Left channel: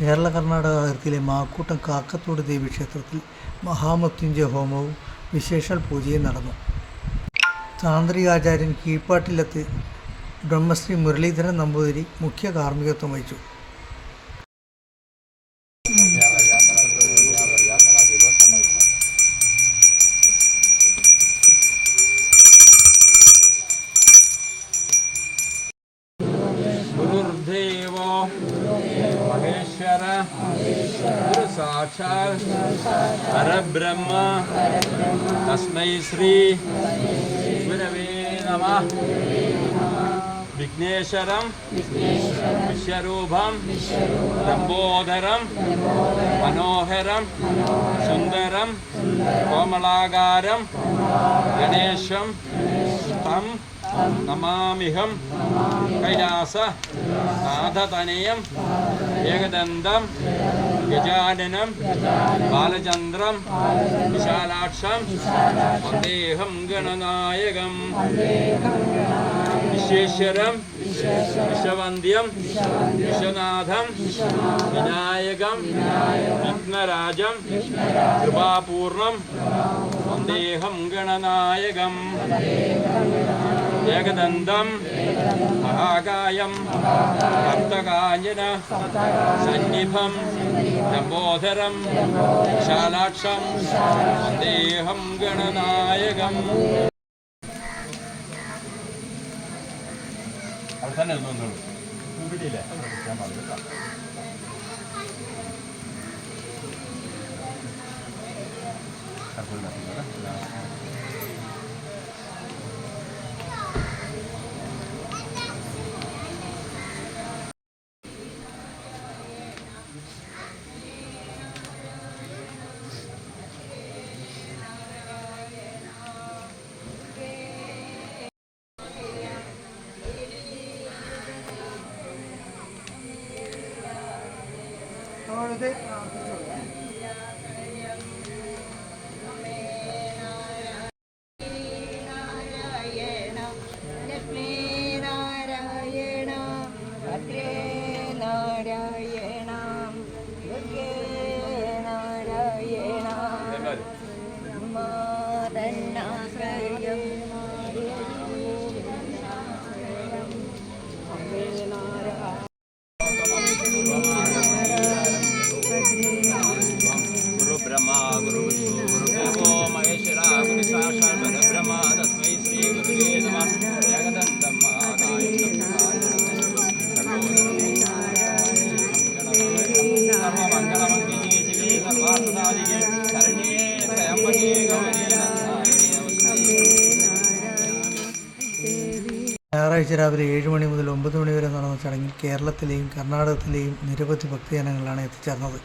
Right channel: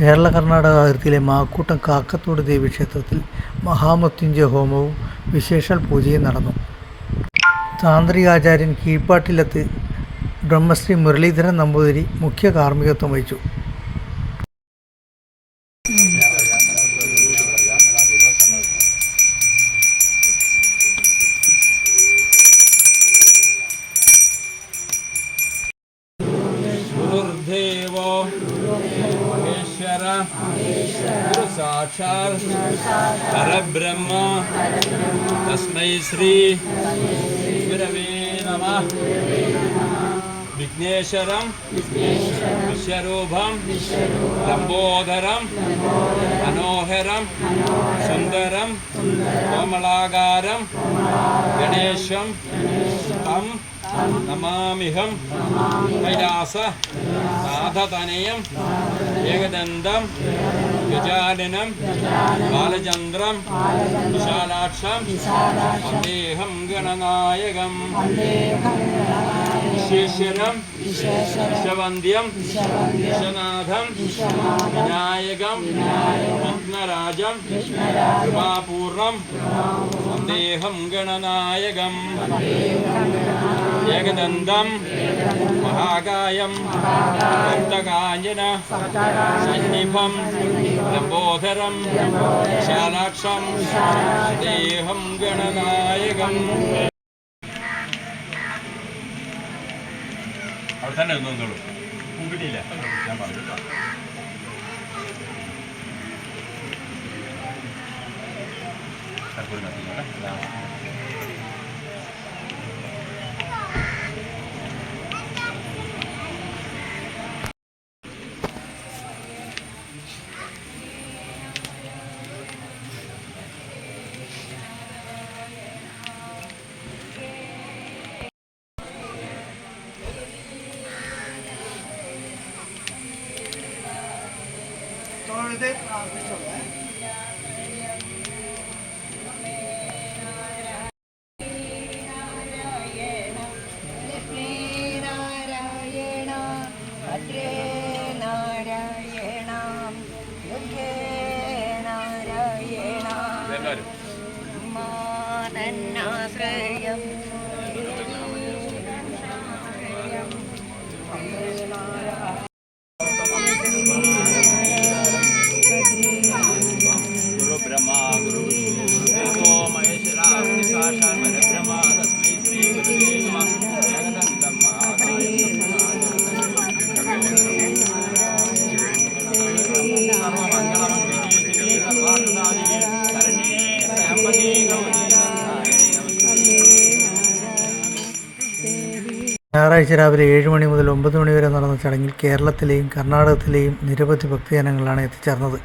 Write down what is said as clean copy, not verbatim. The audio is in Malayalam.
കേരള കർണാടക അതിർത്തിയിലെ മാക്കൂട്ടം കാക്കത്തോട് ദേവീക്ഷേത്രത്തിൽ മഹാമൃത്യുഞ്ജയ ഹോമവും വിശേഷാൽ പൂജയും നടന്നു. താന്ത്രികാചാര്യൻ കീഴ്പ്പാട്ടില്ലത്ത് ബ്രഹ്മശ്രീ മുരളീധരൻ നമ്പൂതിരി മുഖ്യ കാർമ്മികത്വം വഹിച്ചു. गुरुर्देवो महेश्वर गुरु साक्षात् परब्रह्म तस्मै श्री गुरवे नमः। विघ्नेश्वरं विश्वरूपं लंबोदरं मनोहरं सुंदरं कोमलाकारं गणेशं तं नमामिहं। कैलास नाथतनयं एकदन्तं गजाननं बालचन्द्रं विशालाक्षं वन्देऽहं गणनायकं। विश्वेश्वरं विश्ववन्द्यं विश्वनाथं विनायकं विघ्नराजं कृपापूर्णं वन्देऽहं गणनायकं। एकदन्तं महाकायं भक्तकाञ्चन सन्निभं लम्बोदरं विशालाक्षं वन्देऽहं गणनायकं। गुरु ब्रह्मा गुरु विष्णु गुरुदेवो महेश्वरा गुरु साक्षात् परब्रह्म तस्मै श्री गुरुवे नमः। एकदन्तं महाकायं सर्वमङ्गलमङ्गले शिवे सर्वार्थसाधिके शरण्ये त्र्यम्बके गौरी नारायणे नमस्ते। ഞായറാഴ്ച രാവിലെ 7 മണി മുതൽ 9 മണി വരെ നടന്ന ചടങ്ങിൽ കേരളത്തിലെയും കർണാടകത്തിലെയും നിരവധി ഭക്തജനങ്ങളാണ് എത്തിച്ചേർന്നത്.